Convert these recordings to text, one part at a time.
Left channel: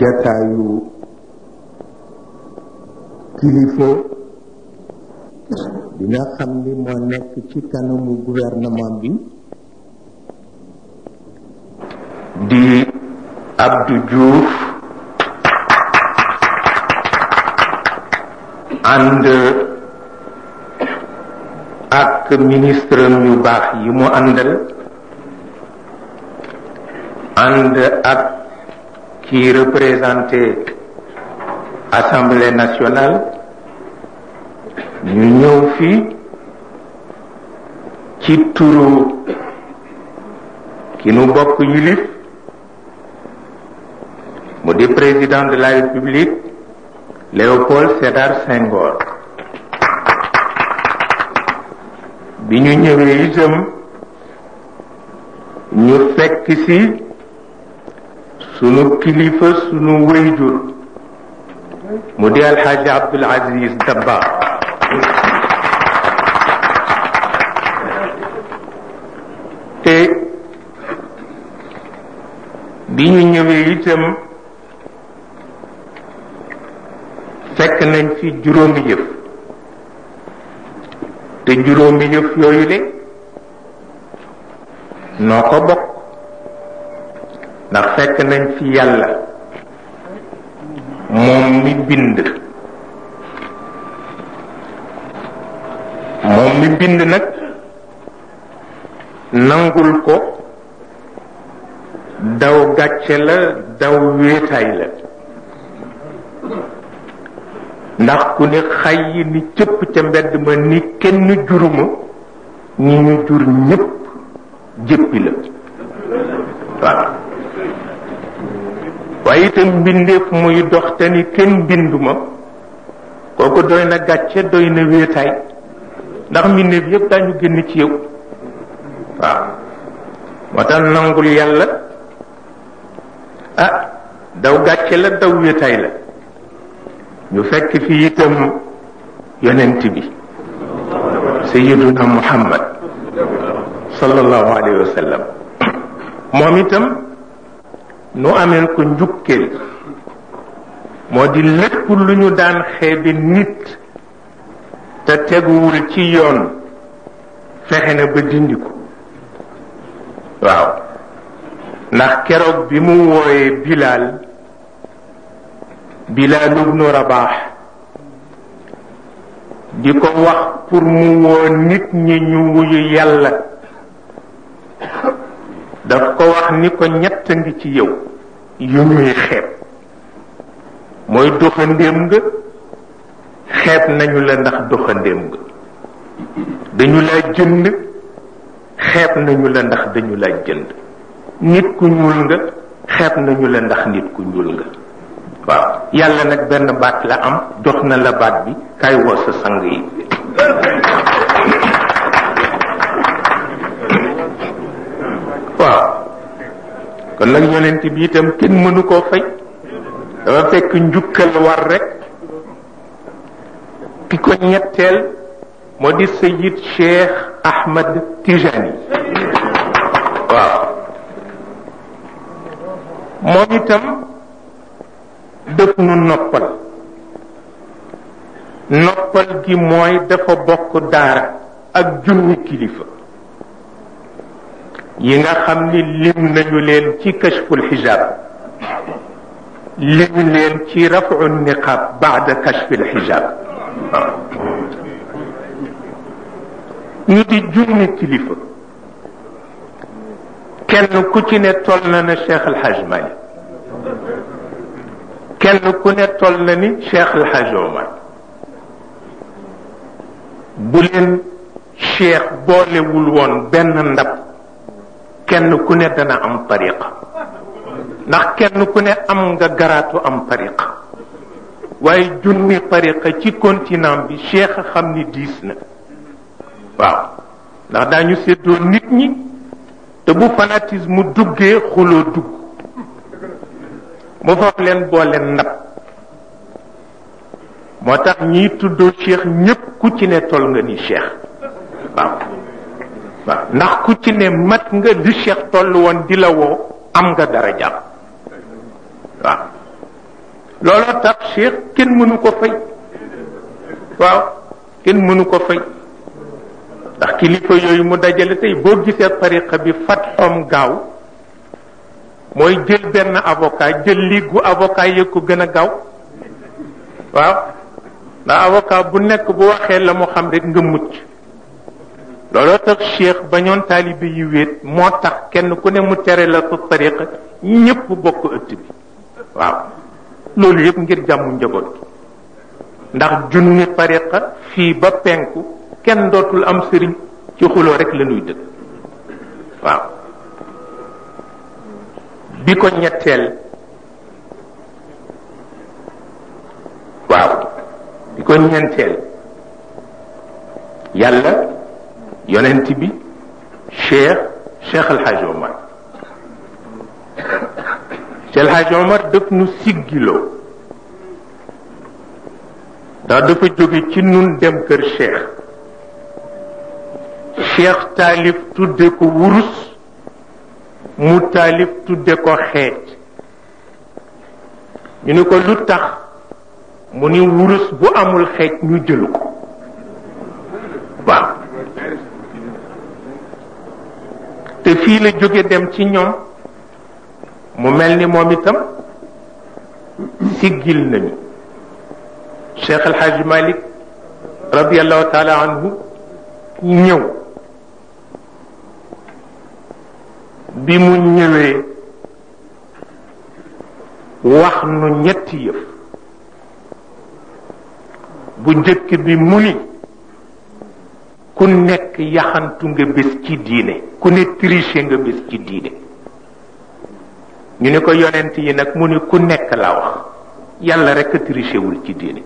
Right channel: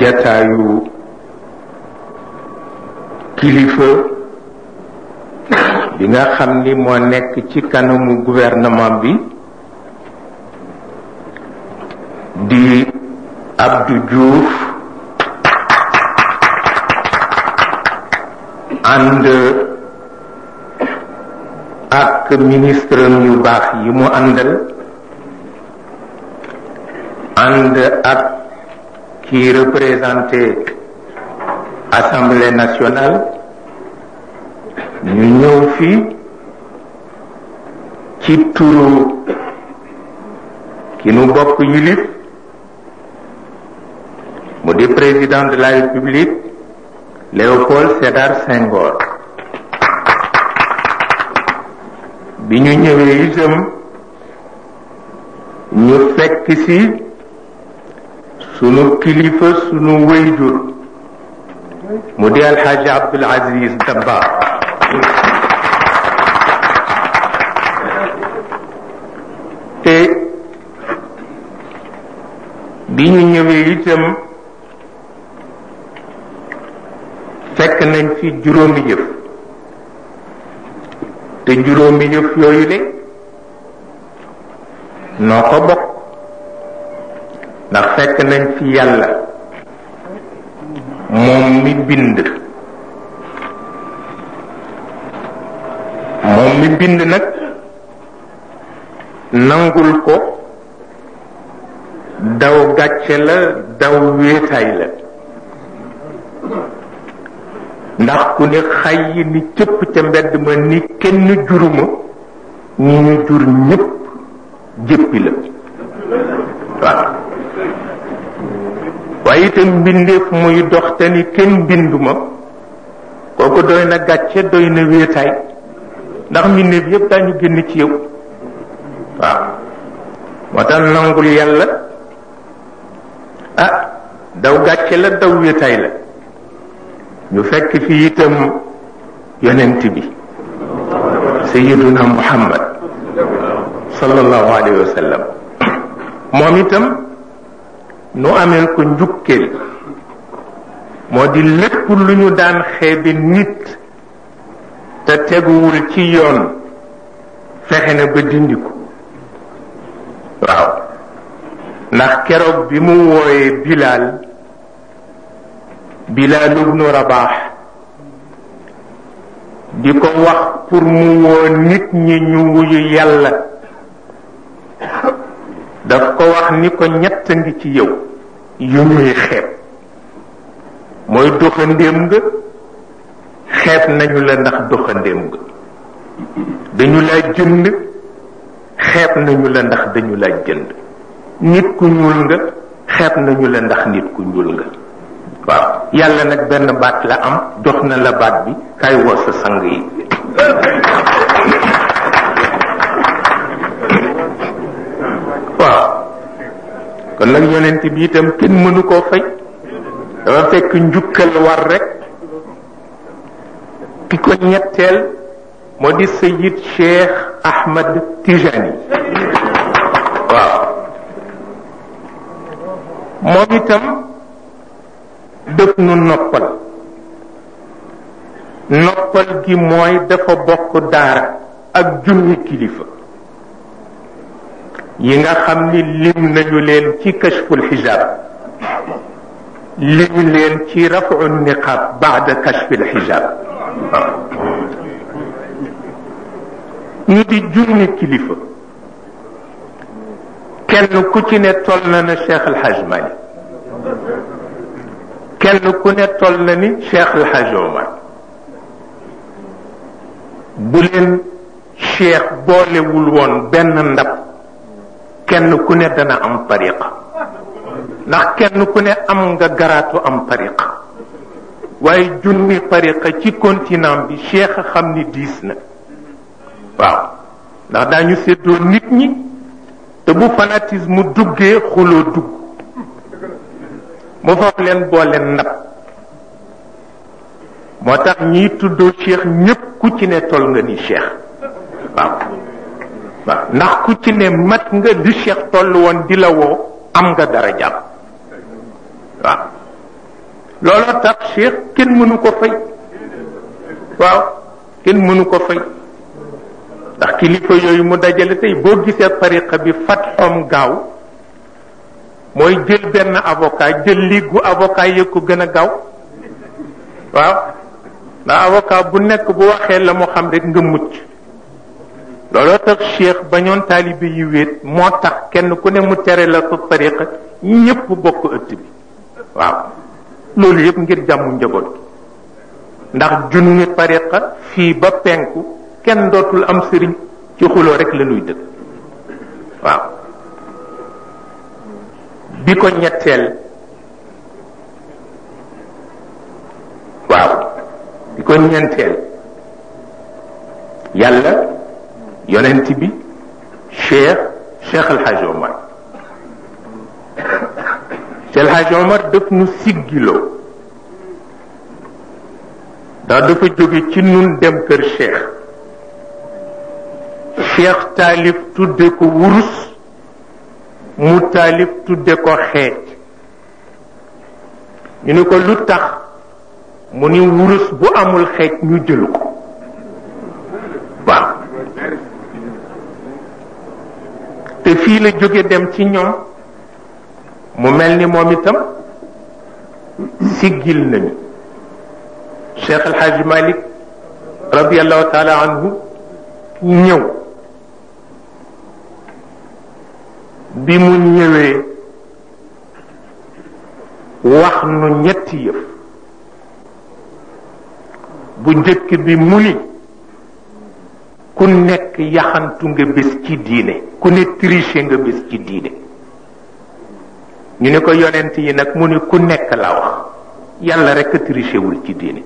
jataayu kilifa bi nga xam ni moo nekk ci kanamu gouvernement bi di Abdou Diouf ànd ak ministre yu baax yi mu àndal ànd ak ki représenté Assemblée nationale ñu ñëw fii ci turu ki nu bokk yilif mu di président de la République Léopold Sédar Senghor. bi ñu ñëwee itam ñu fekk ci sunu kilifa sunu wayjur mu di Alxaaji Abdul Aziz Dabakh te bi ñu ñëwee itam fekk nañ fi juróomi yëf te juróomi yëf yooyu le noo ko bokk ndax fekk nañ fi yàlla moom mi bind nag nangul ko daw gàcce la daw wéetaay la ndax ku ne xay yi ni cëpp ca mbedd ma ni kenn juruma ñi ñu jur ñépp jéppi la waaw waaye itam mbindeef muy dox te ni kenn binduma kooku doy na gàcce doy na wéetaay ndax mbindeef yépp dañu génn ci yow waaw moo tax nangul yàlla daw gàcce la daw wéetaay la ñu fekk fi itam yonent bi sayyiduna Muhammad sallallahu alayhi wa sallam moom itam nu ameen ko njukkeel moo di lépp lu ñu daan xeebe nit te teguwul ci yoon fexe na ba dindi ko waaw ndax keroog bi mu wooyee Bilaal ibnu Rabaax di ko wax pour mu woo nit ñi ñu wuyu yàlla daf ko wax ni ko ñett ngi ci yow yu ñuy xeeb mooy doxandéem nga xeeb nañu la ndax doxandéem nga dañu la jënd xeeb nañu la ndax dañu la jënd nit ku ñuul nga xeeb nañu la ndax nit ku ñuul nga waaw yàlla nag benn baat la am jox na la baat bi kay woo sa sang yi waaw kon nag yonent bi itam kenn mënu koo fay dafa fekk njukkal war rek ki ko ñetteel moo di Sayyid Cheikh Ahmad Tijani waaw moom itam def nu noppal gi mooy dafa bokk daara ak junni kilifa yi nga xam ni lim nañu leen ci kashful xijaab lim leen ci rafu niqaab baada kashfil xijaab ñu di junni kilifa kenn ku ci ne toll na Cheikh El Hadj Malick kenn ku ne toll na ni Cheikh El Hadj Omar bu leen cheikh boolewul woon benn ndab kenn ku ne dana am tariqa ndax kenn ku ne am nga garaatu am tariqa waaye junni tariqa ci continent bi cheikh xam ni diis na waaw ndax daañu séddoo nit ñi te bu fanatisme duggee xuloo dugg mu foog leen boole ndab moo tax ñiy tuddoo cheikh ñépp ku ci ne toll nga ni cheikh waaw ndax ku ci ne mat nga li cheikh toll woon di la woo am nga dara jàpp waaw looloo tax Cheikh kenn mënu ko fay waaw kenn mënu ko fay ndax kilifa yooyu mu dajale tey boo gisee tariqa bi fatxoom gaaw mooy jël benn avocat jël liggu avocat yi ko gën a gaaw waaw ndax avocat bu nekk bu waxee la mu xam rek nga mucc looloo tax Cheikh bañoon taalibe yi wéet moo tax kenn ku ne mu tere la sa tariqa ñépp bokk ëtt bi waaw loolu yëpp ngir jàmm njaboot gi ndax junni tariqa fii ba penku kenn dootul am sëriñ ci xuloo rek la nuy dëkk waaw bi ko ñetteel waaw bi ko ñeenteel yàlla yonent bi Cheikh El Hadj Omar Cheikh El Hadj Omar daf nu siggiloo ndax dafa jóge ci nun dem kër Cheikh taalif tudde ko wurus mu taalif tudde ko xeej ñu ne ko lu tax mu ni wurus bu amul xeej ñu jëlu ko waaw te fii la jóge dem ci ñoom mu mel ni moom itam siggil nañu Cheikh El Hadj Malick radiallahu taala anhu ñëw bi mu ñëwee wax nu ñetti yëf bu njëkk bi mu ni ku nekk yaxantu nga bés ci diine ku ne triché nga bés ci diine ñu ne ko yonent yi nag mu ni ku nekk la wax yàlla rekk triché wul ci diine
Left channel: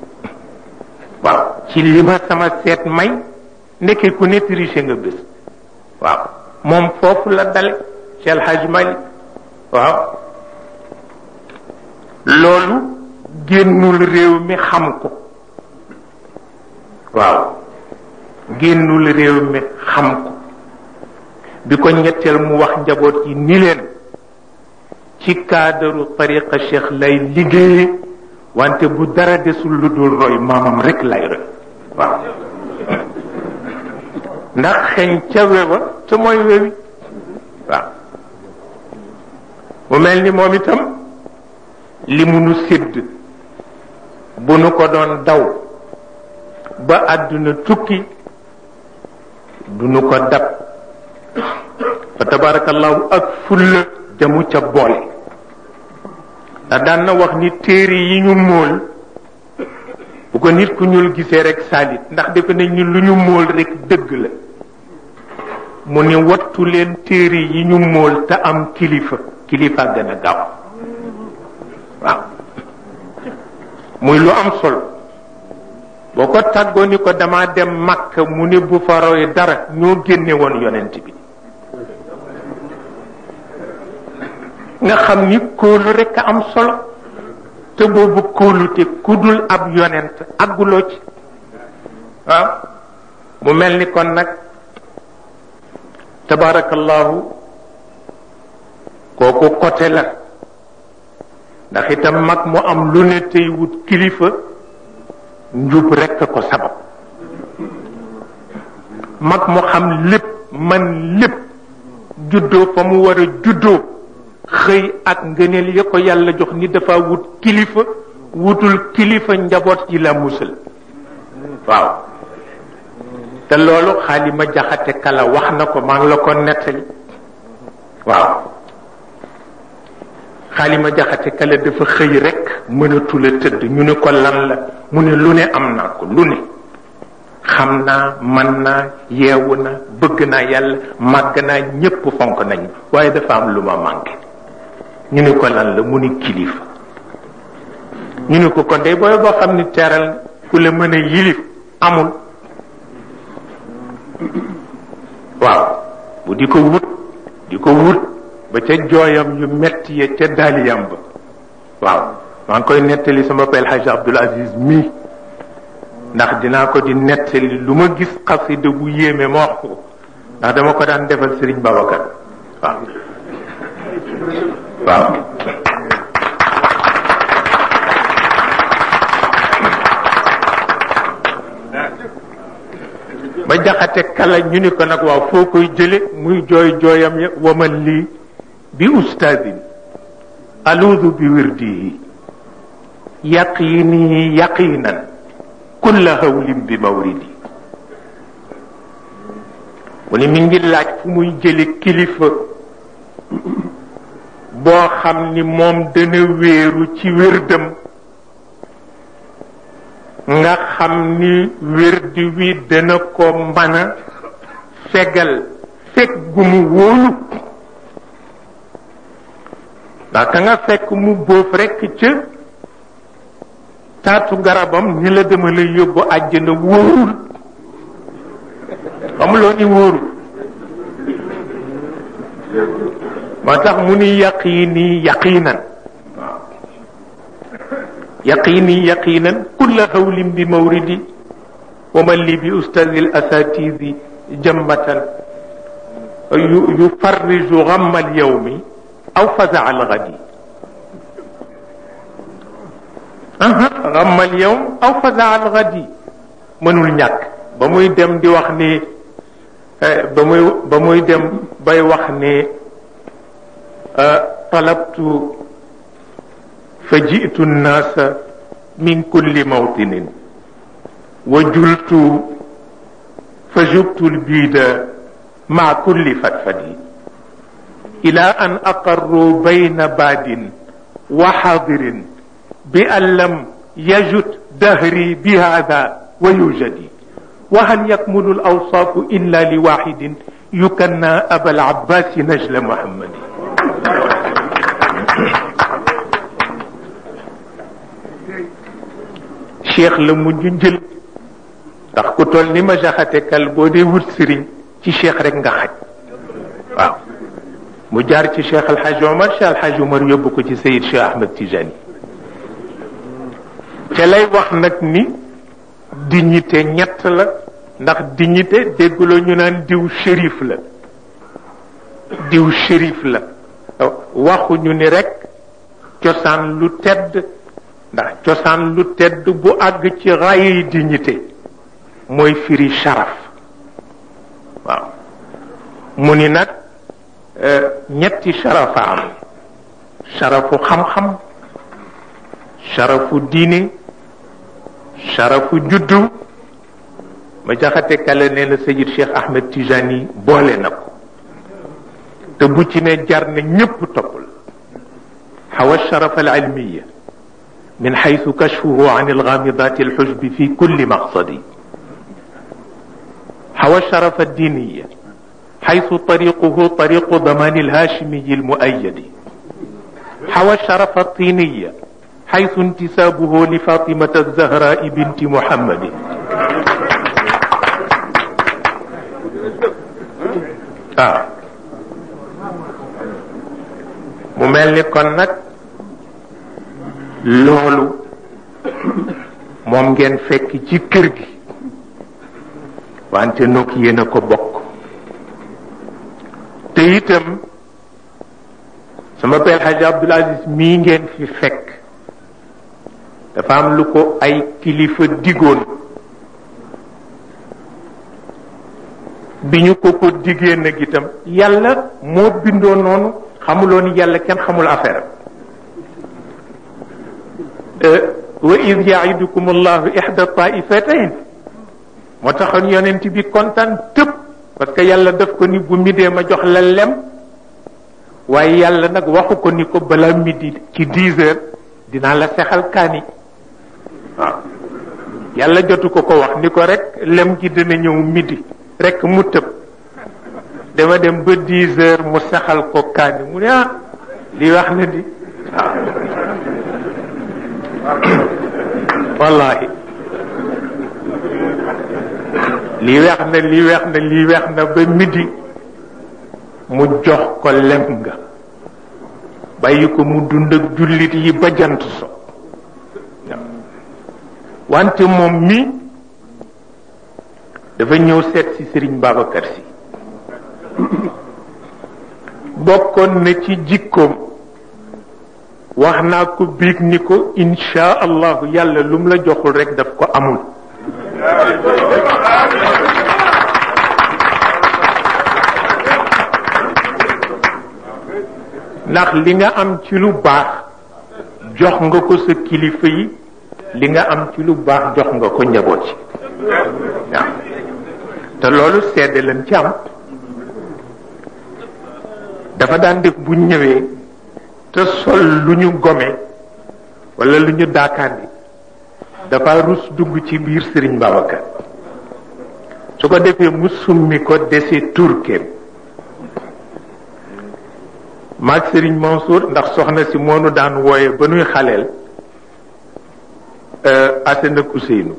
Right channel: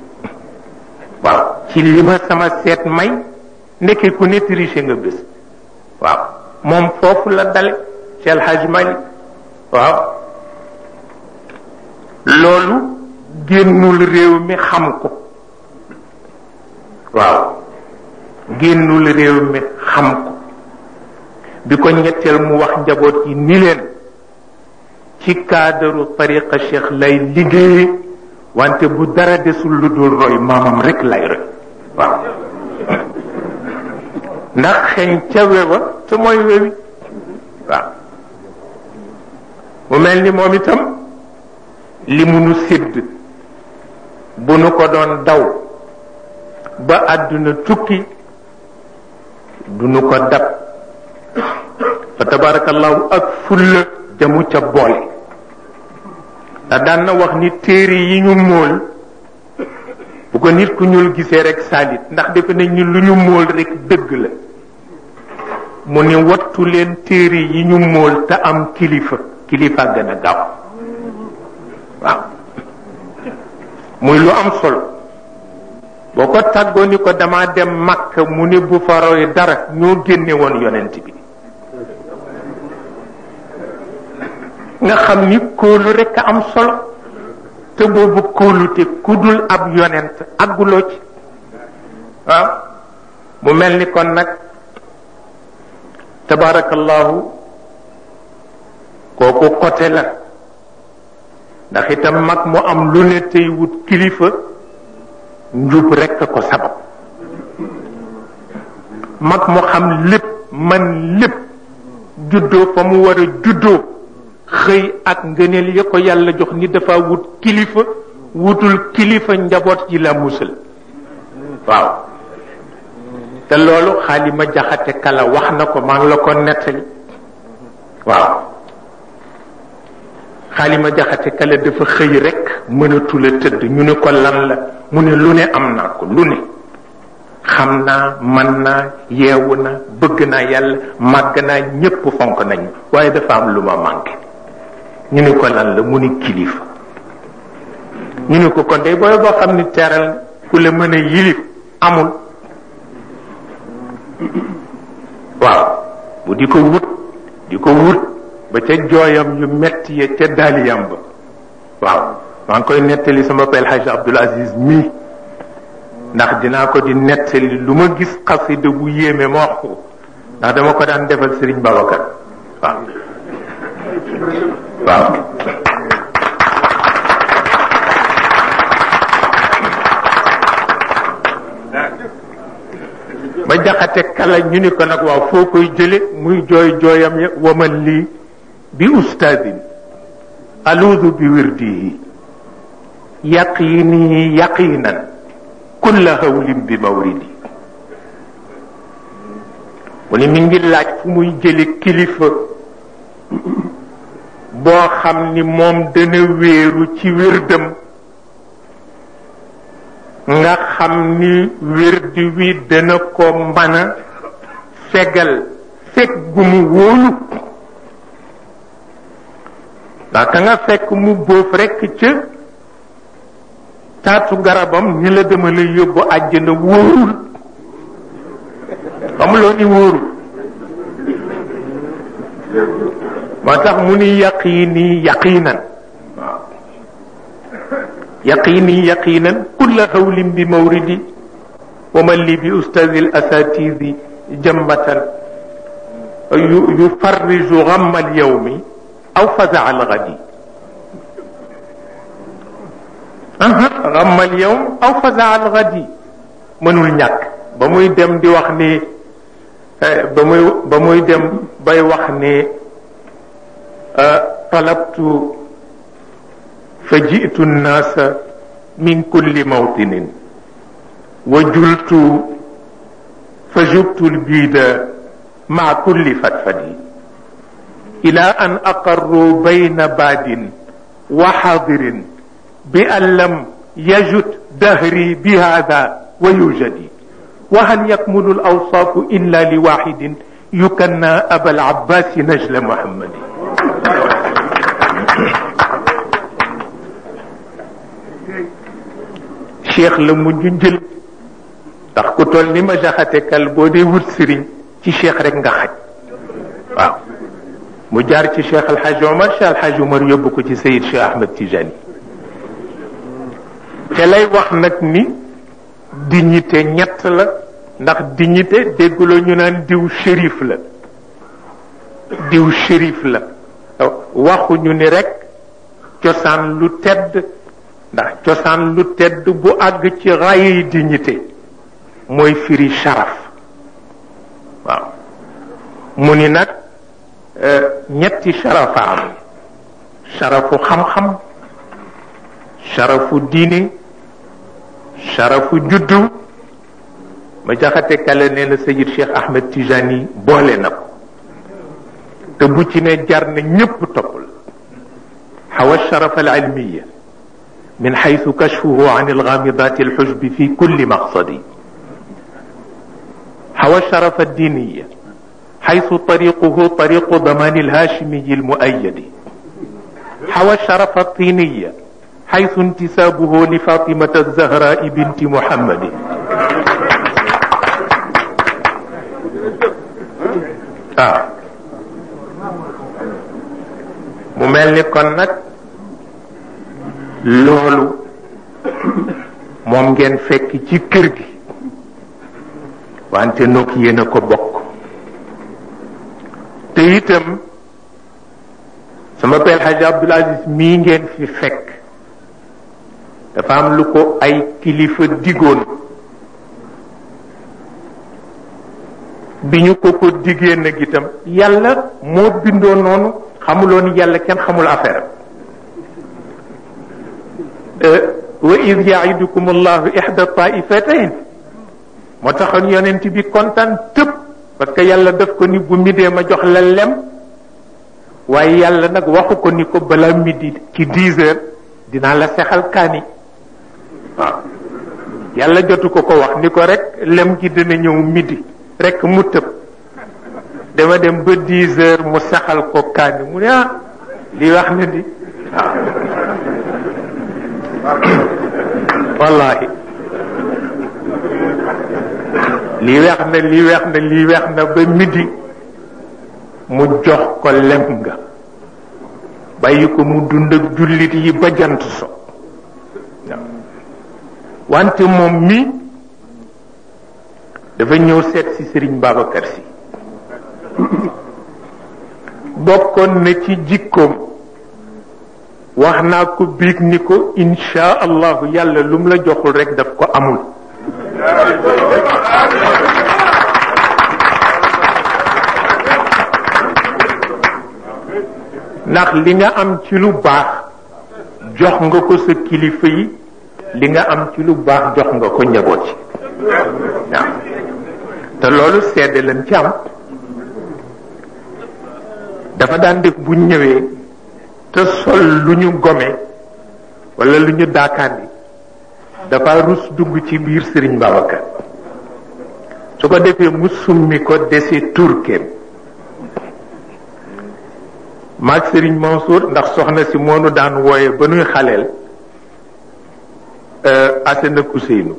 waaw ci li ma sama seet may ndekke ku ne triché nga bés waaw moom foofu la dale Cheikh El Hadj Malick waaw loolu génnul réew mi xam ko waaw génnul réew mi xam ko bi ko ñetteel mu wax njaboot yi ni leen ci cadre tariqa Cheikh lay liggéeye wante bu dara desul lu dul roy maamam rek lay roy waaw ndax xeñ ca wewa te mooy wewi waaw mu mel ni moom itam li mu nu sédd bu nu ko doon daw ba àdduna tukki du nu ko dab fa tabarakallahu ak fulla jamu ca boole ndax daan na wax ni téere yi ñu móol bu ko nit ku ñuul gisee rek saalit ndax defe nañ ni lu ñu móol rek dëgg la mu ni wattu leen téere yi ñu móol te am kilifa gën a gaaw waaw muy lu am solo boo ko tàggoo ni ko dama dem Makka mu ni bu fa roy dara ñoo génne woon yonent bi nga xam ni kóolu rekk a am solo te boobu kóolute ku dul ab yonent àgguloo ci waaw mu mel ni kon nag tabarakallahu kooku côté la ndax itam mag mu am lu ne tey wut kilifa njub rekk ko sabab mag mu xam lépp man lépp juddoo fa mu war a juddoo xëy ak ngëneel ya ko yàlla jox ni dafa wut kilifa wutul kilifa njaboot ji la musal waaw te loolu Xaalima Jaxate Kala wax na ko maa ngi la ko nettali waaw Xaalima Jaxate Kala dafa xëy rekk mënatula tëdd ñu ne ko lan la mu ne lu ne am naa ko lu ne xam naa man naa yeewu na bëgg naa yàlla màgg naa ñépp fonk nañu waaye dafa am lu ma manqué ñu ne ko lan la mu ni kilifa ñu ne ko kon day booy boo xam ni teral ku la mën a yilif amul waaw bu di ko wut ba ca jooyam yu metti ya ca daaliyam ba waaw maa ngi koy nettali sama pel Haj Abdul Aziz mii ndax dinaa ko di nettali lu ma gis xasida bu yéeme ma wax ko ndax dama ko daan defal Serigne Babacar waaw waaw ma jaxate kala ñu ni ko nag waaw foo koy jële muy jooy jooyam ya waman lii bi ustaadin aluudu bi wirdihi yaqini yaqinan kulla hawlin bi mawridi mu ni mi ngi laaj fu muy jële kilifa boo xam ni moom dana wéeru ci wérdam nga xam ni wérdi wi dana ko mën a fegal fekk gu mu wóolu ndax ka nga fekk mu bóof rekk ca taatu garabam ni la dama lay yóbbu àjjana wóorul xamuloo ni wóorul moo tax mu ni yaqini yaqinan yaqini yaqinan kulla hawlin bi mawridi wa man li bi ustadi al asatidi jammatan yufarriju ghamma al yawmi aw faza al ghadi ghamma al yawm aw faza al ghadi mënul ñàkk ba muy dem di wax ni ba muy dem bay wax ni talabtu فجئت الناس من كل موطن وجلت فجبت البيد مع كل فتفد إلى أن أقروا بين باد وحاضر بأن لم يجد دهري بهذا ويوجد وهل يكمل الأوصاف إلا لواحد يكنى أبا العباس نجل محمد cheikh la mujj jël ndax ku toll ni ma jaxate kal boo dee wut sëriñ ci cheikh rek nga xaj waaw mu jaar ci cheikh alxaj omar cheikh alxaj omar yóbbu ko ci sayid cheikh ahmed tijani te lay wax nag ni dignité ñett la ndax dignité déggloo ñu naan diw shérif la diw shérif la waxuñu ni rek cosaan lu tedd ndax cosaan lu tedd bu àgg ci rayi dignité mooy firi sharaf waaw mu ni nag ñetti sharafa am sharafu xam-xam sharafu diine sharafu juddu ma jaxate kala nee na sayid cheikh ahmed tijani boole na ko te bu ci ne jar na ñépp toppal xawa sharafa al ilmiya من حيث كشفه عن الغامضات الحجب في كل مقصد حوى الشرف الدينية حيث طريقه طريق ضمان الهاشمي المؤيد حوى الشرف الطينية حيث انتسابه لفاطمة الزهراء بنت محمد مملك كنك loolu moom ngeen fekk ci kër gi wante nokk yéen a ko bokk te itam sama père Hadj Abdoul Aziz mii ngeen fi fekk dafa am lu ko ay kilifa digoon bi ñu ko diggee nag itam yàlla moo bindoo noonu xamuloon yàlla kenn xamul affaire wa id yaidukum allahu ihda taifatayn moo taxoon yonent bi kontaan tëb parce que yàlla daf ko ni bu midee ma jox la lem waaye yàlla nag waxu ko ni ko balaa midi ci 10 heures dinaa la sexal kaani waaw yàlla jotu ko wax ni ko rek lem gi dina ñëw midi rek mu tëb dama dem ba 10 heures mu saxal ko kaani mu ne li wax na di wallahi lii weex na lii weex na lii weex na ba midi mu jox ko lem nga bàyyi ko mu dund ak jullit yi ba jant so wante moom mi dafa ñëw seet si Serigne Babacar Sy bokkoon na ci jikkoom wax naa ko biig ni ko insha allahu yàlla lu mu la joxul rek daf ko amul ndax li nga am ci lu baax jox nga ko sa kilifa yi li nga am ci lu baax jox nga ko njaboot yi waaw te loolu seede lañ ci am dafa daan def bu ñëwee te sol lu ñu gome wala lu ñu daakaandi dafa rus dugg ci biir Serigne Babacar su ko defee mu summi ko dese turkeem maag Serigne Mansour ndax soxna si moonu daan wooye ba nuy xaleel Asena Kuseynu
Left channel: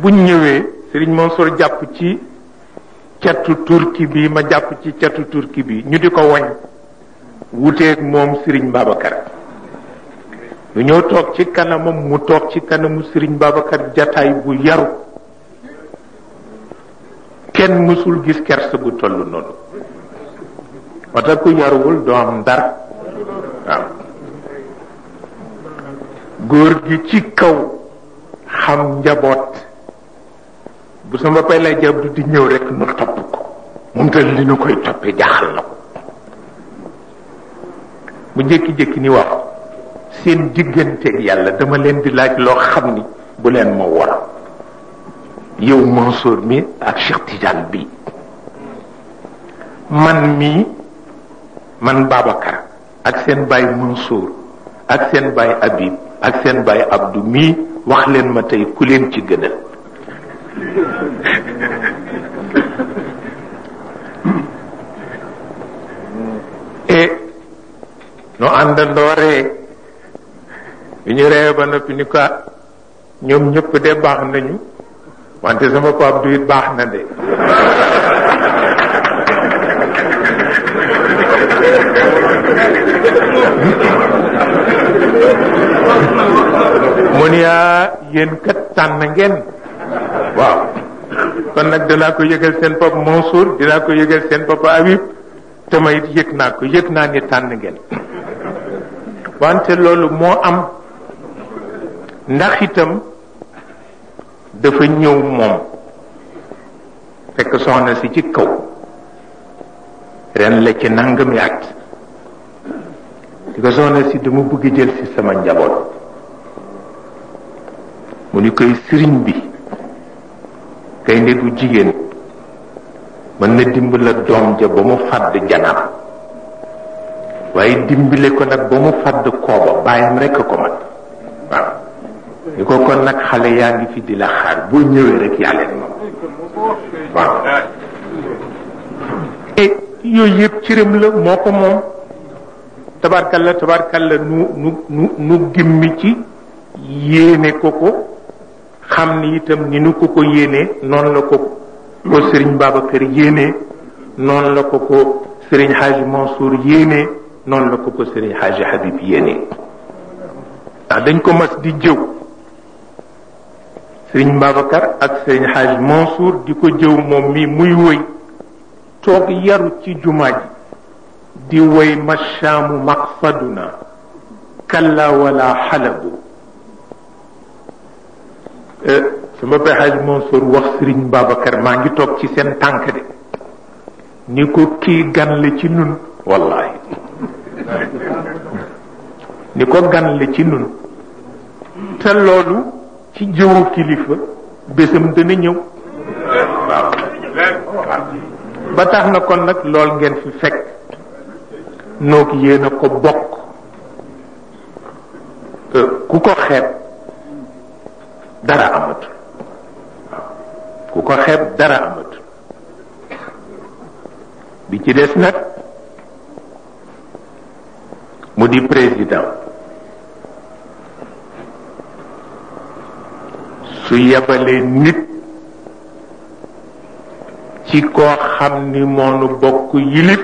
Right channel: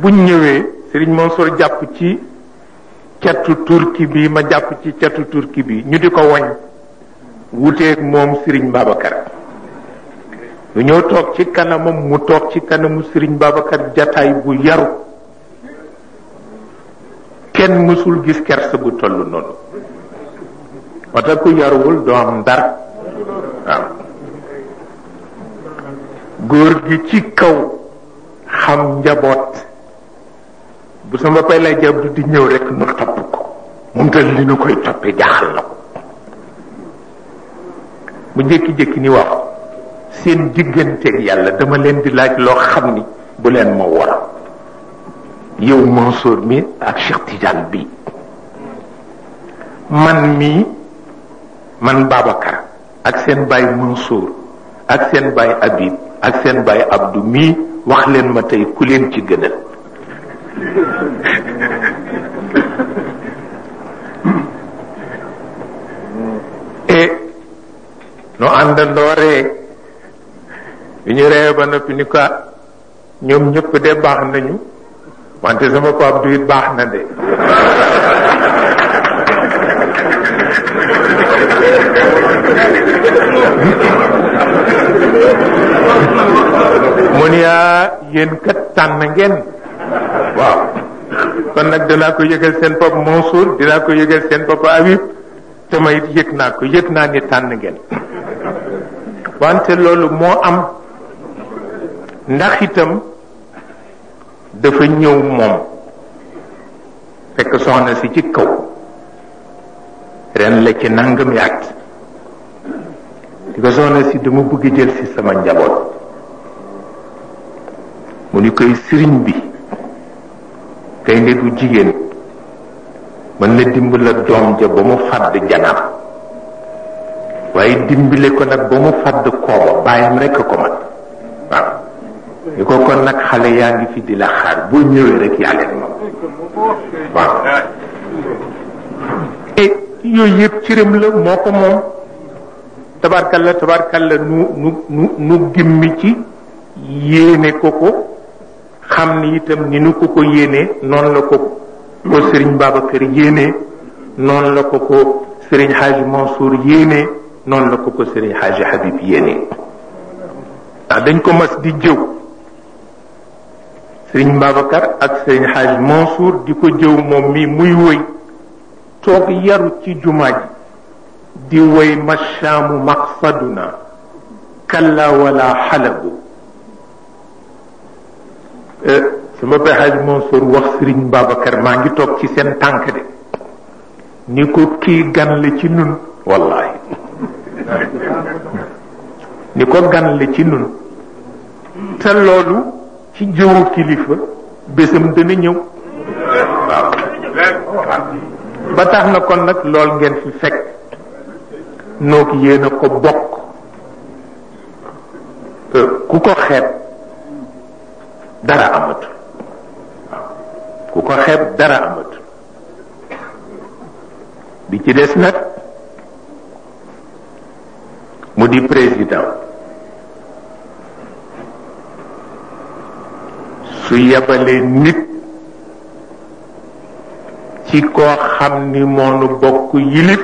buñ ñëwee Serigne Mansour jàpp ci catu turki bi ma jàpp ci catu turki bi ñu di ko wañ wuteeg moom Serigne Babacar lu ñëw toog ci kanamam mu toog ci kanamu Serigne Babacar jataay bu yaru kenn mësul gis kersa gu toll noonu wata ku yaruwul doo am dara waaw góor gi ci kaw xam njaboot bu sama pay lay jab du di ñëw rek mu topp ko moom te li nu koy toppee jaaxal na ko mu jékki-jékki ni waaw seen digganteeg yàlla dama leen di laaj loo xam ni bu leen ma war yow Mansour mi ak Cheikh Tidiane bi man Babacar ak seen baay Mansour ak seen baay Habib ak seen baay Abdou mii wax leen ma tey ku leen ci gënal et nu àndandoo ree bi ñu ree ba noppi ni ko ñoom ñëpp de baax nañu wante sama pap du it baax na de mu ni yéen kat tànn ngeen waaw kon nag dinaa ko yëgal seen papa Mansour dinaa ko yëgal seen papa Habib te ma it yëg naa ni tànn ngeen wante loolu moo am ndax itam dafa ñëw moom fekk soxna si ci kaw ren la ci nangami at di ko soxna si dama bëgg jël si sama njaboot mu ni koy sëriñ bi kay ne du jigéen mën na dimbala doom ja ba mu fàdd janar waaye dimbale ko nag ba mu fàdd kooba bàyyam rekk ko man waaw ñu ko kon nag xale yaa ngi fi di la xaar boo ñëwee rek yaa leen moom waaw et yooyu yëpp cëram la moo ko moom tabarkalla nu gimmi ci yéene ko xam ni itam ni nu ko yéenee noonu la ko Serigne Babacar yéenee noonu la ko Serigne Hadji Mansour yéenee noonu la ko Serigne Hadji Habib yéenee ndax dañ ko mas di jëw Serigne Babacar ak Serigne Hadji Mansour di ko jëw moom mi muy woy toog yaru ci jumaa ji di woy mashaamu maqsaduna kalla wala xalabu sama pay Hadji Mansour wax Serigne Babacar maa ngi toog ci seen tànk de ni ko kii gan la ci nun wallahi ni ko gan la ci nun te loolu ci jëwu kilifa bésam dana ñëw waaw ba tax na kon nag lool ngeen fi fekk noo ki yéen a ko bokk ku ko xeeb dara amatu ku ko xeeb dara amatu bi ci des nag mu di président su yebalee nit ci koo xam ni moonu bokk yilif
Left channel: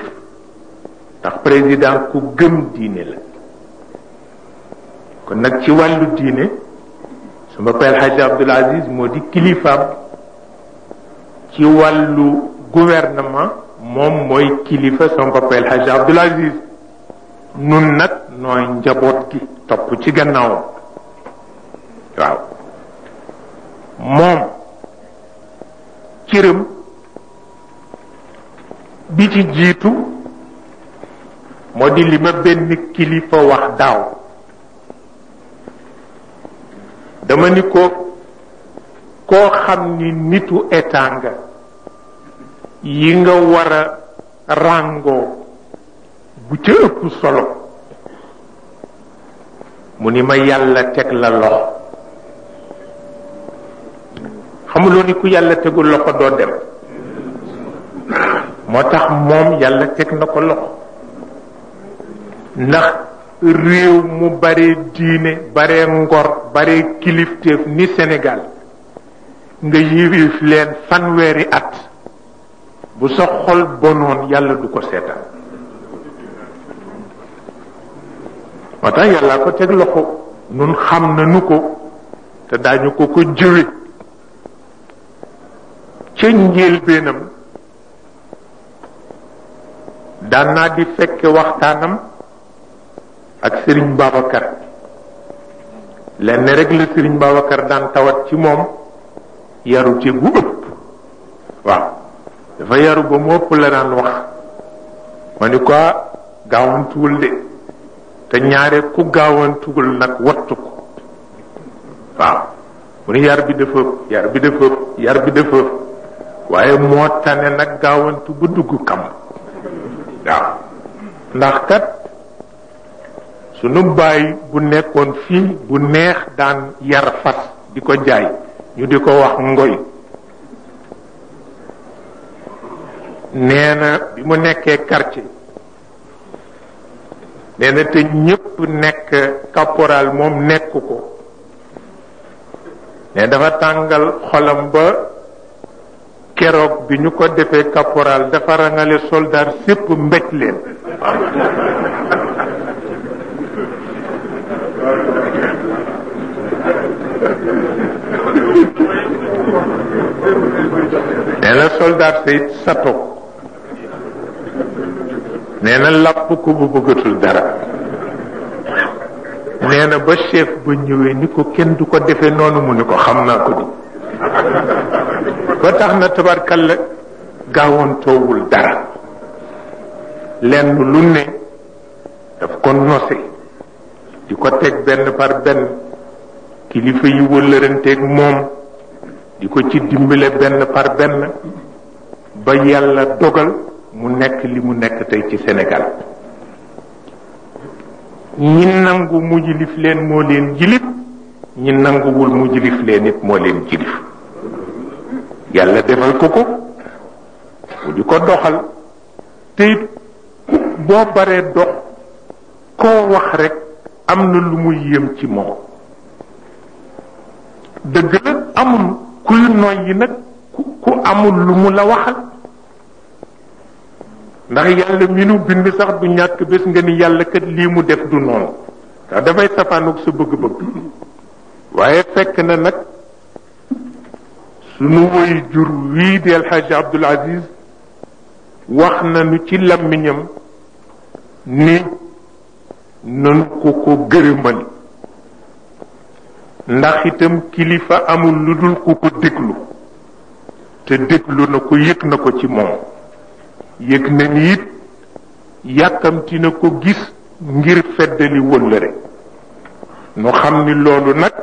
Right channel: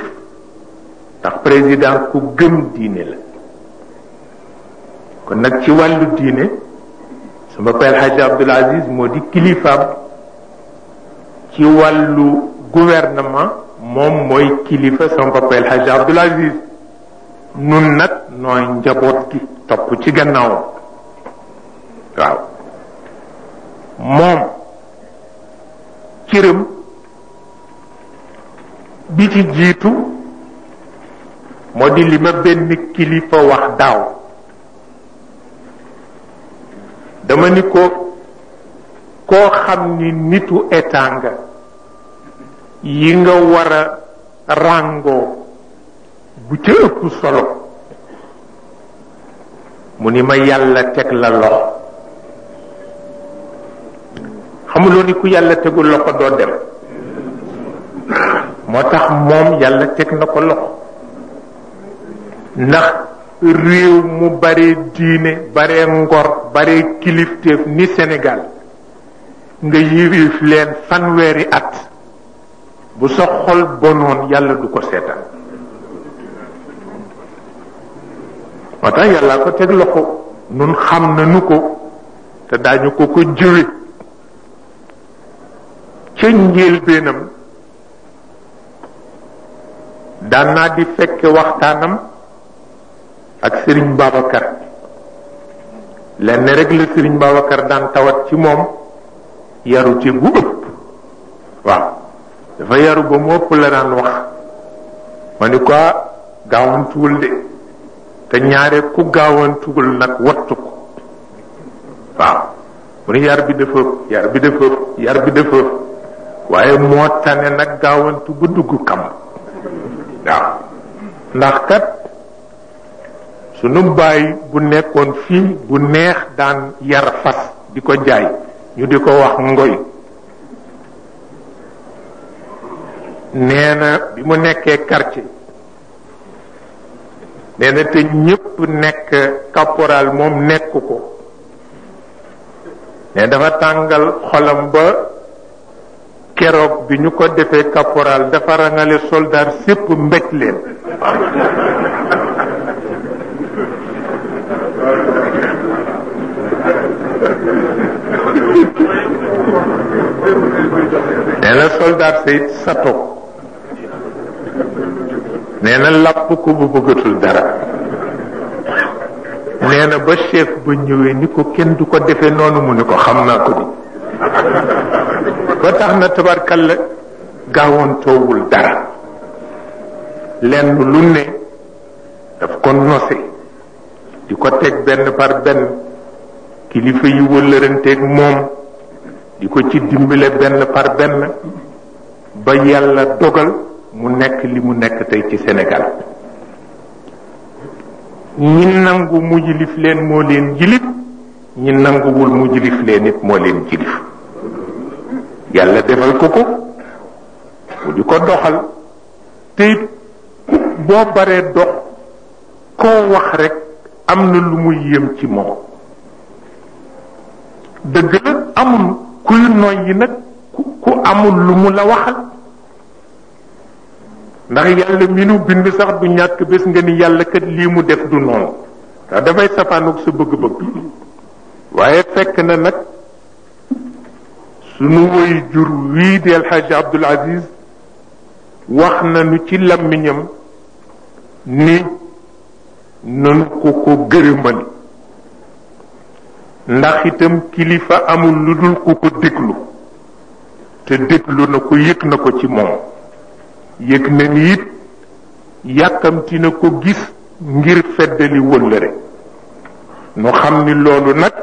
ndax président ku gëm diine la kon nag ci wàllu diine suma père Hadji Abdoul Aziz moo di kilifaam ci wàllu gouvernement moom mooy kilifa sama papa El Hadji Abdoul Aziz nun nag nooy njaboot gi topp ci gannaawam waaw moom cëram bi ci jiitu moo di li ma benn kilifa wax daaw dama ni ko koo xam ni nitu état nga yi nga war a ràngoo bu ca ëpp solo mu ni ma yàlla teg la loxo xamuloo ni ku yàlla tegul loxo doo dem moo tax moom yàlla teg na ko loxo ndax réew mu bare diine bare ngor bare kilifteef ni Sénégal nga yilif leen fanweeri at bu sa xol bonoon yàlla du ko seetaan moo tax yàlla ko teg loxo nun xam nañu ko te daañu ko ko jëwe ca njëlbéenam daan naa di fekke waxtaanam ak Serigne Babacar lenn rek la Serigne Babacar daan tawat ci moom yarute gu ëpp waaw dafa yaru ba mu ëpp la daan wax ma ni ko gaawantuwul de te ñaare ku gaawantuwul nag wattu ko waaw mu ni yar bi dafa yar bi dafa waaye moo tane nag gaawantu ba dugg kam waaw ndax kat sunu baay bu nekkoon fii bu neex daan yar fas di ko jaay ñu di ko wax ngoy nee na bi mu nekkee quartier nee na te ñépp nekk caporal moom nekk ko mais dafa tàngal xolam ba keroog bi ñu ko defee caporal dafa rangale soldat sépp mbéj leen nee na soldat sayt sato nee na làpp ko bu bëggatul dara nee na ba chef ba ñëwee ni ko kenn du ko defee noonu mu ni ko xam naa ko di ba tax na tabarkalla gaawantoowul dara lenn lu ne daf ko nose di ko teg benn par benn kilifa yi wëllëranteeg moom di ko ci dimbale benn par benn ba yàlla dogal mu nekk li mu nekk tey ci Sénégal ñi nangu mu jilif leen moo leen jilif ñi nanguwul mu jilif leen it moo leen jilif yàlla defal ko ko mu di ko doxal te boo baree dox koo wax rek am na lu muy yëm ci moom dëgg la amul kuy noyyi nag ku amul lu mu la waxal ndax yàlla mi nu bind sax du ñàkk bés nga ni yàlla kat lii mu def du noonu ndax dafay safaanoog sa bëgg-bëgg waaye fekk na nag sunu woy jur wii di El Hadj Abdoul Aziz wax nañu ci làmmiñam ni nanu ko gërëmali ndax itam kilifa amul lu dul ku ko déglu te déglu na ko yëg na ko ci moom yëg na ni it yàkkamti na ko gis ngir feddali wëllëre nu xam ni loolu nag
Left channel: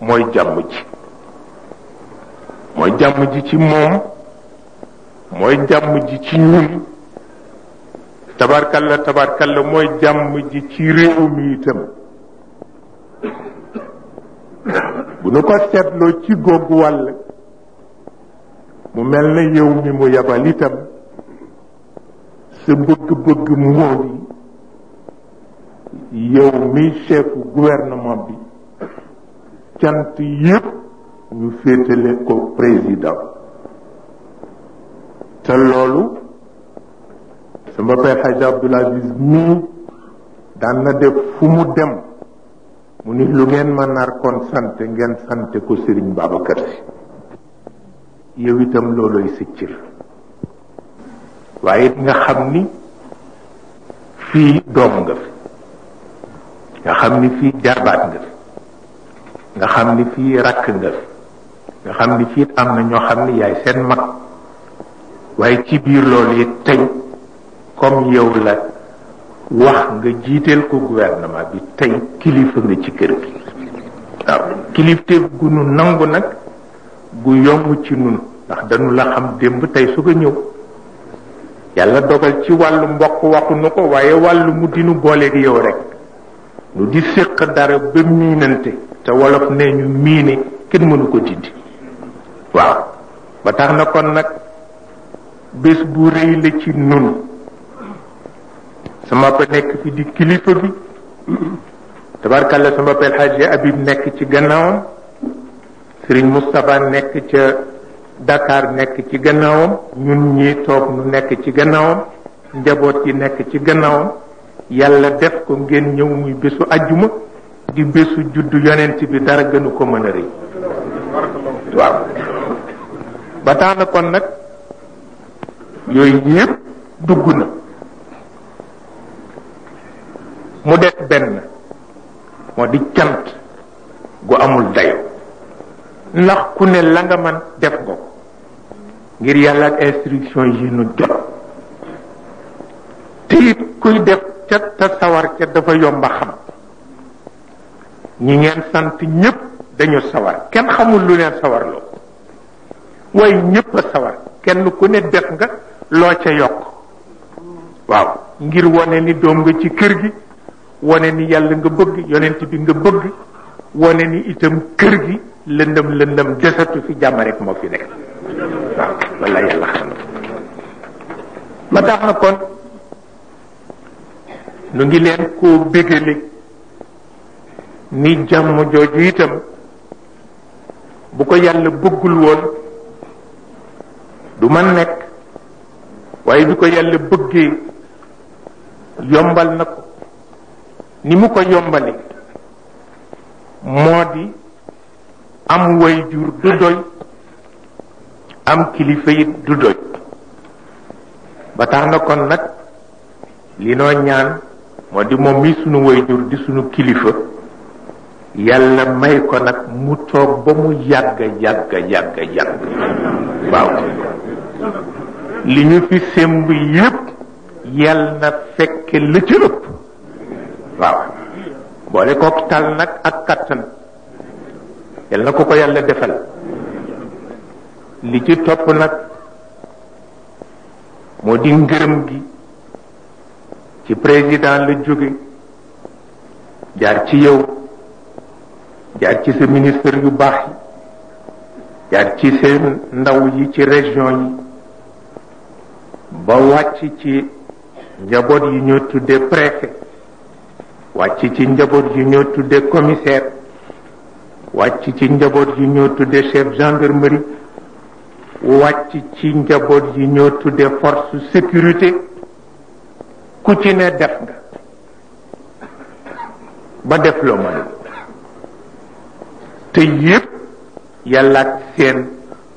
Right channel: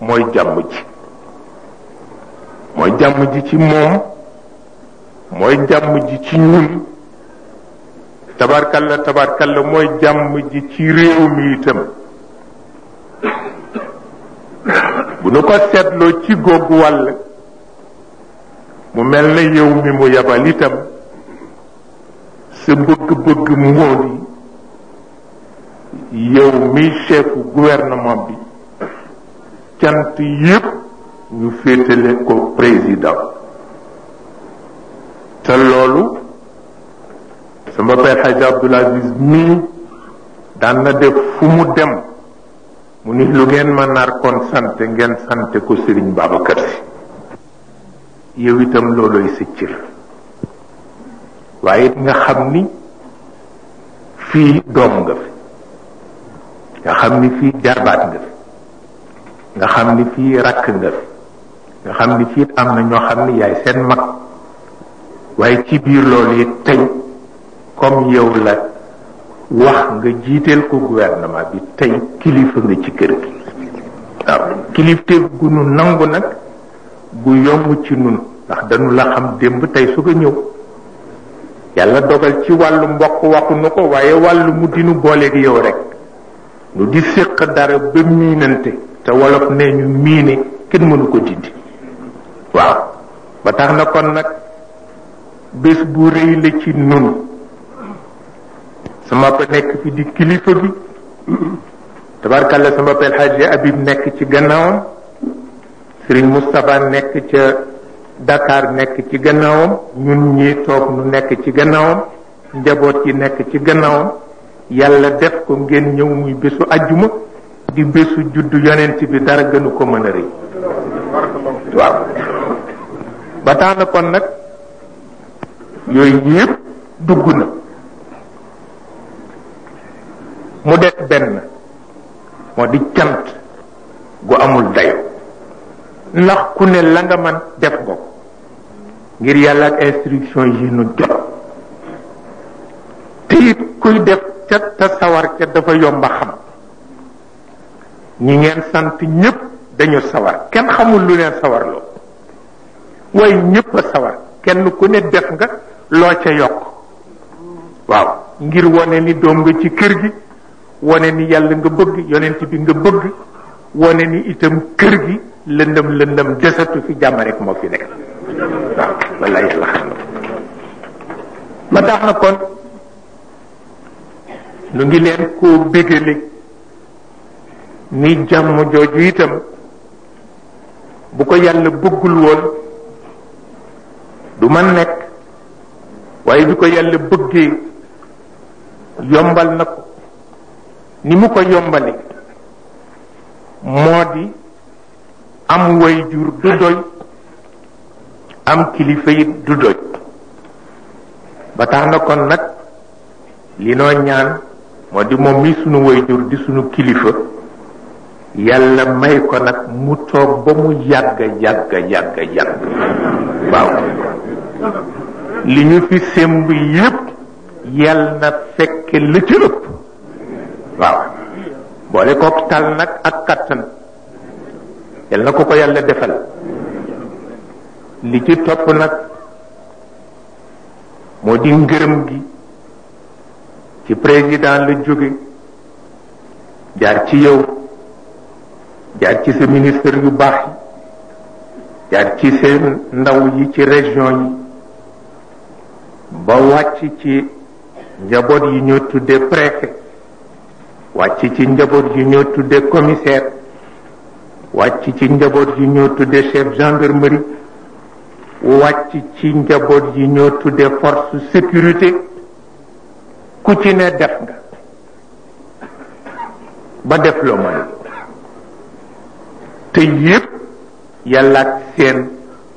mooy jàmm ji mooy jàmm ji ci moom mooy jàmm ji ci ñun tabarkalla mooy jàmm ji ci réew mi itam bu nu ko seetloo ci googu wàll mu mel na yow mi mu yabal itam sa bëgg-bëgg moo di yow mi chefu gouvernement bi cant yépp ñu féetale ko président te loolu sama père Hadj Abdoul Aziz mii daan na def fu mu dem mu ni lu ngeen ma nar kon sant ngeen sante ko Serigne Babacar Sy yow itam looloy sa cër waaye it nga xam ni fii doom nga fi nga xam ni fii jarbaat nga fi nga xam ni fii rakk nga fi nga xam ni fii am na ñoo xam ni yaay seen mag waaye ci biir loolu it tey comme yow la wax nga jiiteel ko gouvernement bi tey kilifa nga ci kër gi waaw kilifteef gu nu nangu nag gu yomb ci nun ndax dañu la xam démb tey su ko ñëw yàlla dogal ci wàllu mbokk waxu nu ko waaye wàllu mu dinu booleeg yow rek nu di séq dara ba miinante te wolof nee ñu miine kenn mënu ko dindi waaw ba tax na kon nag bés bu rëy la ci nun sama pa nekk fi di kilifa bi tabarkalla sama pel Hadji Habib nekk ci gannaawam Serigne Moustapha nekk ca Dakar nekk ci gannaawam ñun ñi toog nu nekk ci gannaawam njaboot yi nekk ci gannaawam yàlla def ko ngeen ñëw muy bésu ajjuma di bésu juddu yonent bi dara gënu ko mën a rëy waaw ba tax na kon nag yooyu yëpp dugg na mu def benn moo di cant gu amul dayo ndax ku ne la nga man def nga ko ngir yàlla ak instruction yi nu jot te it kuy def ca te sawar ca dafa yomba xam ñi ngeen sant ñëpp dañu sawar kenn xamul lu leen sawar loo waaye ñëpp a sawar kenn ku ne def nga loo ca yokk waaw ngir wane ni doom nga ci kër gi wane ni yàlla nga bëgg yonent bi nga bëgg wane ni itam kër gi lëndëm desatu fi jàmm rek moo fi nekk waaw walla yàlla xam na ba tax na kon nu ngi leen koo bégale ni jàmm jooju itam bu ko yàlla bëggul woon du man nekk waaye bi ko yàlla bëggee yombal na ko ni mu ko yombale moo di am way jur du doy am kilifa it du doy ba tax na kon nag li noo ñaan moo di moom mi sunu way jur di sunu kilifa yàlla may ko nag mu toog ba mu yàgg waaw li ñu fi semb yépp yàlla na fekk la ca ëpp waaw boole kook tal nag ak kattan yàlla na ko ko yàlla defal li ci topp nag moo di ngërëm gi ci président la jóge jaar ci yow jaar ci sa ministre yu baax yi jaar ci seen ndaw yi ci région yi ba wàcc ci njaboot yi ñoo tuddee préfet wàcc ci njaboot yi ñoo tuddee commissaire wàcc ci njaboot yi ñoo tuddee chef gendarmerie wàcc ci njaboot yi ñoo tuddee force sécurité ku ci ne def nga ba def loo mën te yépp yàlla ak seen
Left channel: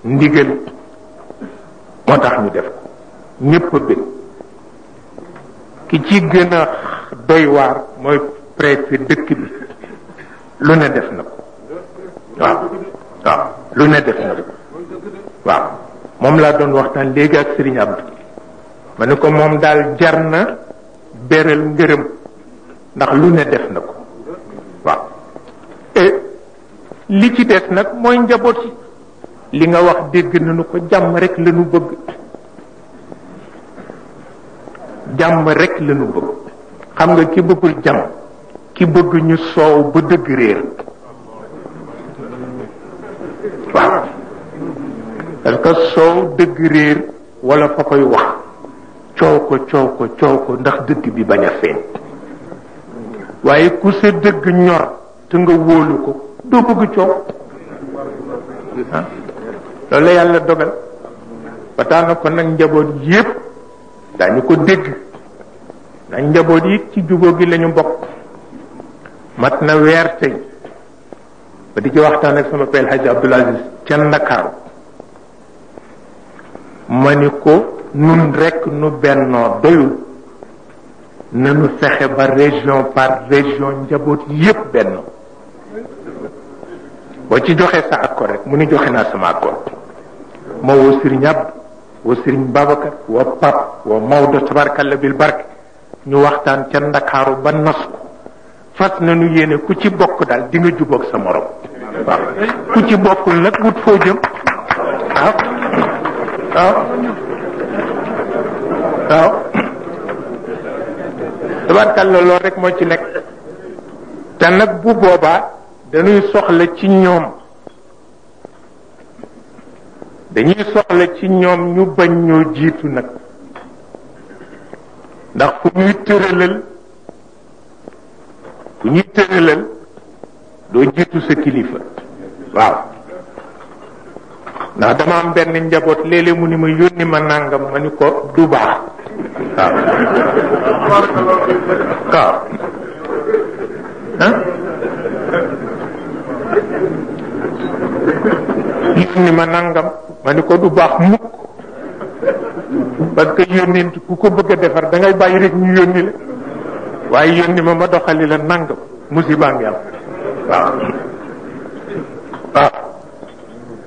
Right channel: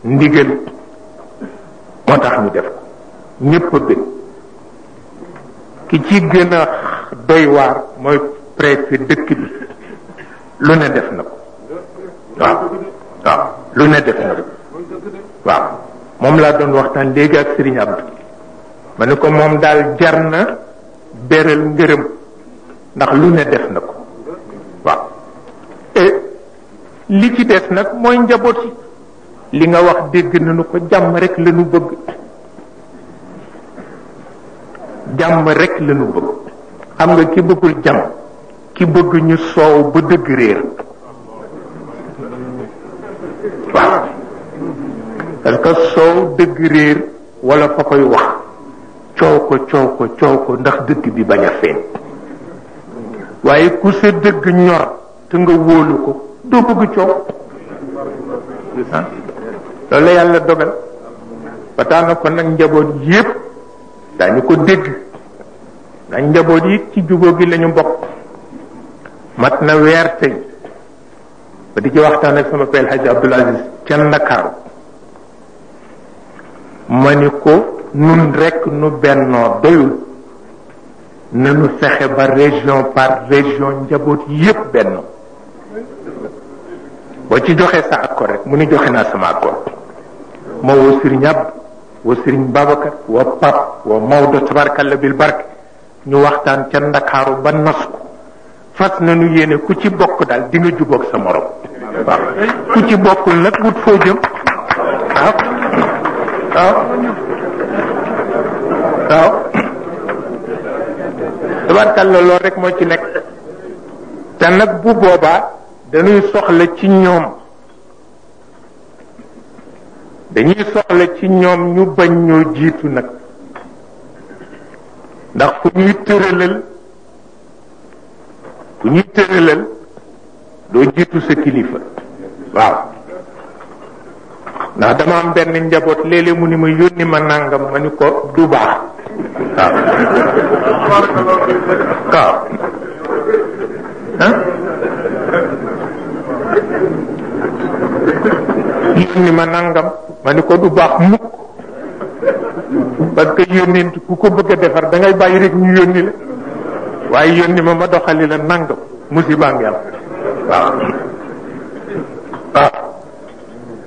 ndigal moo tax ñu def ko ñépp a gën ki ci gën a doy waar mooy préfet dëkk bi lu ne def na ko waaw lu ne def na ko waaw moom laa doon waxtaan léegi ak Serigne Abdou ma ne ko moom daal jar na beral ngërëm ndax lu ne def na ko waaw li ci des nag mooy njaboot yi li nga wax dégg nañu ko jàmm rek lañu bëgg jàmm rek lañu bëgg xam nga ki bëggul jàmm ki bëgg ñu soow ba dëgg réer waaw parce que soow dëgg réer wala fa koy wax coow ko ndax dëgg bi bañ a feeñ waaye ku sa dëgg ñor te nga wóolu ko doo bëgg coow loolu la yàlla dogal ba tax na ko nag njaboot yépp daañu ko dégg ndax njaboot yi ci jubóo gi lañu bokk mat na weer tey ba di ci waxtaan ak sama père Hadji Abdoul Aziz ca Ndakaaru ma ni ko nun rekk nu bennoo doyul nañu fexe ba région par région njaboot yépp bennoo boo ci joxe sa accord rek mu ni joxe naa sama accord ma woo Serigne Abdou woo Serigne Babacar woo Pape woo Maodo tabarkalla bil barke ñu waxtaan ca Ndakaaru ba nas ko fas nañu yéene ku ci bokk daal di nga jubóog sa morom waaw ku ci bokkul nag wut foo jëm waaw waaw waaw tabarkalla loolu rek moo ci nekk te nag bu boobaa dañuy soxla ci ñoom ñu bañ ñoo jiitu nag ndax fu ñuy tëralal doo jiitu sa kilifa waaw ndax dama am benn njaboot léeg-léeg mu ni ma yónni ma nàngam ma ni ko du baax waaw waaw yónni ma nàngam ma ni ko du baax mukk parce que yónnent ku ko bëgg a defar da ngay bàyyi rek ñu yónni la waaye yónni ma doxali la nàngam musiba ngi am waaw waaw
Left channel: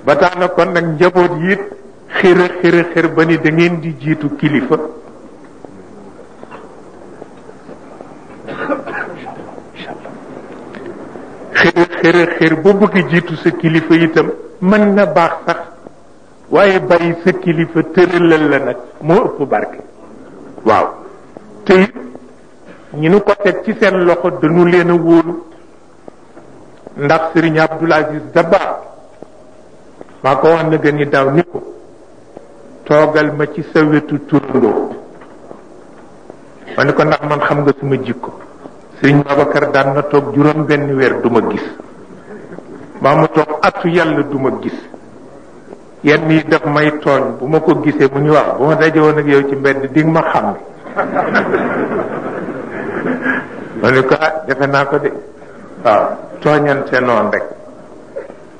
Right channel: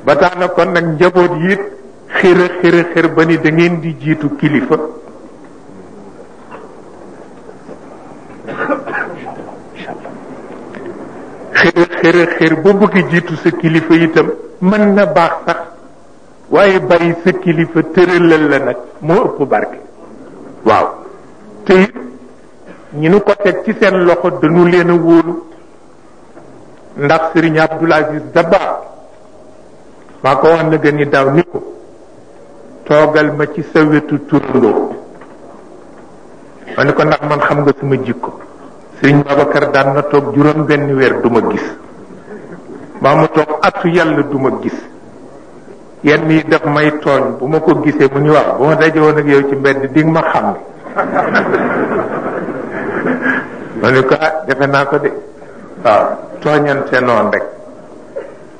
ba tax na kon nag njaboot yi xër ba ni da ngeen di jiitu kilifa xër ba bëgg jiitu sa kilifa itam mën na baax sax waaye bàyyi sa kilifa tëralal la nag moo ëpp barke waaw te it ñu nu ko teg ci seen loxo dañu leen a wóolu ndax Serigne Abdoul Aziz Dabakh maa ko wax na gën ni daaw ni ko toogal ma ci sa wetu turandoo ma ni ko ndax man xam nga suma jikko Serigne Babacar daan na toog juróom benn weer duma gis maa mu toog atu yàlla duma gis yenn yi daf may tooñ bu ma ko gisee mu ñu wax bu ma dajewoon ak yow ci mbedd di nga ma xam ma ni ko defe naa ko de waaw tooñante noonu rek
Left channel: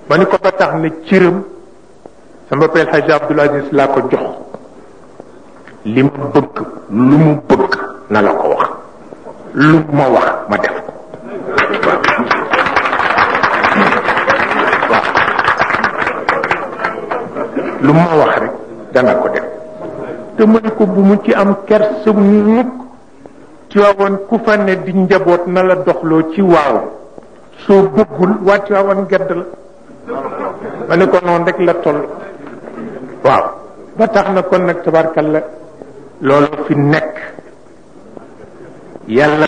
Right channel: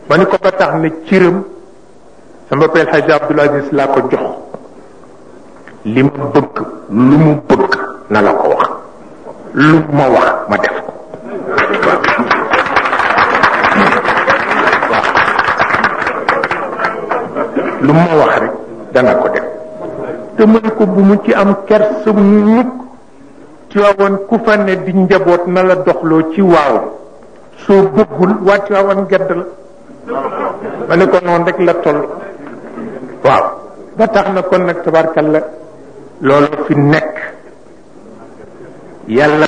ma ni ko ba tax ne cëram sama peel Hadj Abdoul Aziz laa ko jox li ma bëgg lu mu bëgg na la ko wax lu ma wax ma def ko lu ma wax rek dana ko def te mën ko bu mu ci am kersa mukk Tiwaawan ku fa ne di njaboot na la doxloo ci waaw soo bëggul waa Tiwaawan gedd la ma ne ko noonu rek la toll waaw ba tax na kon nag tabarkalla loolu fi nekk yàlla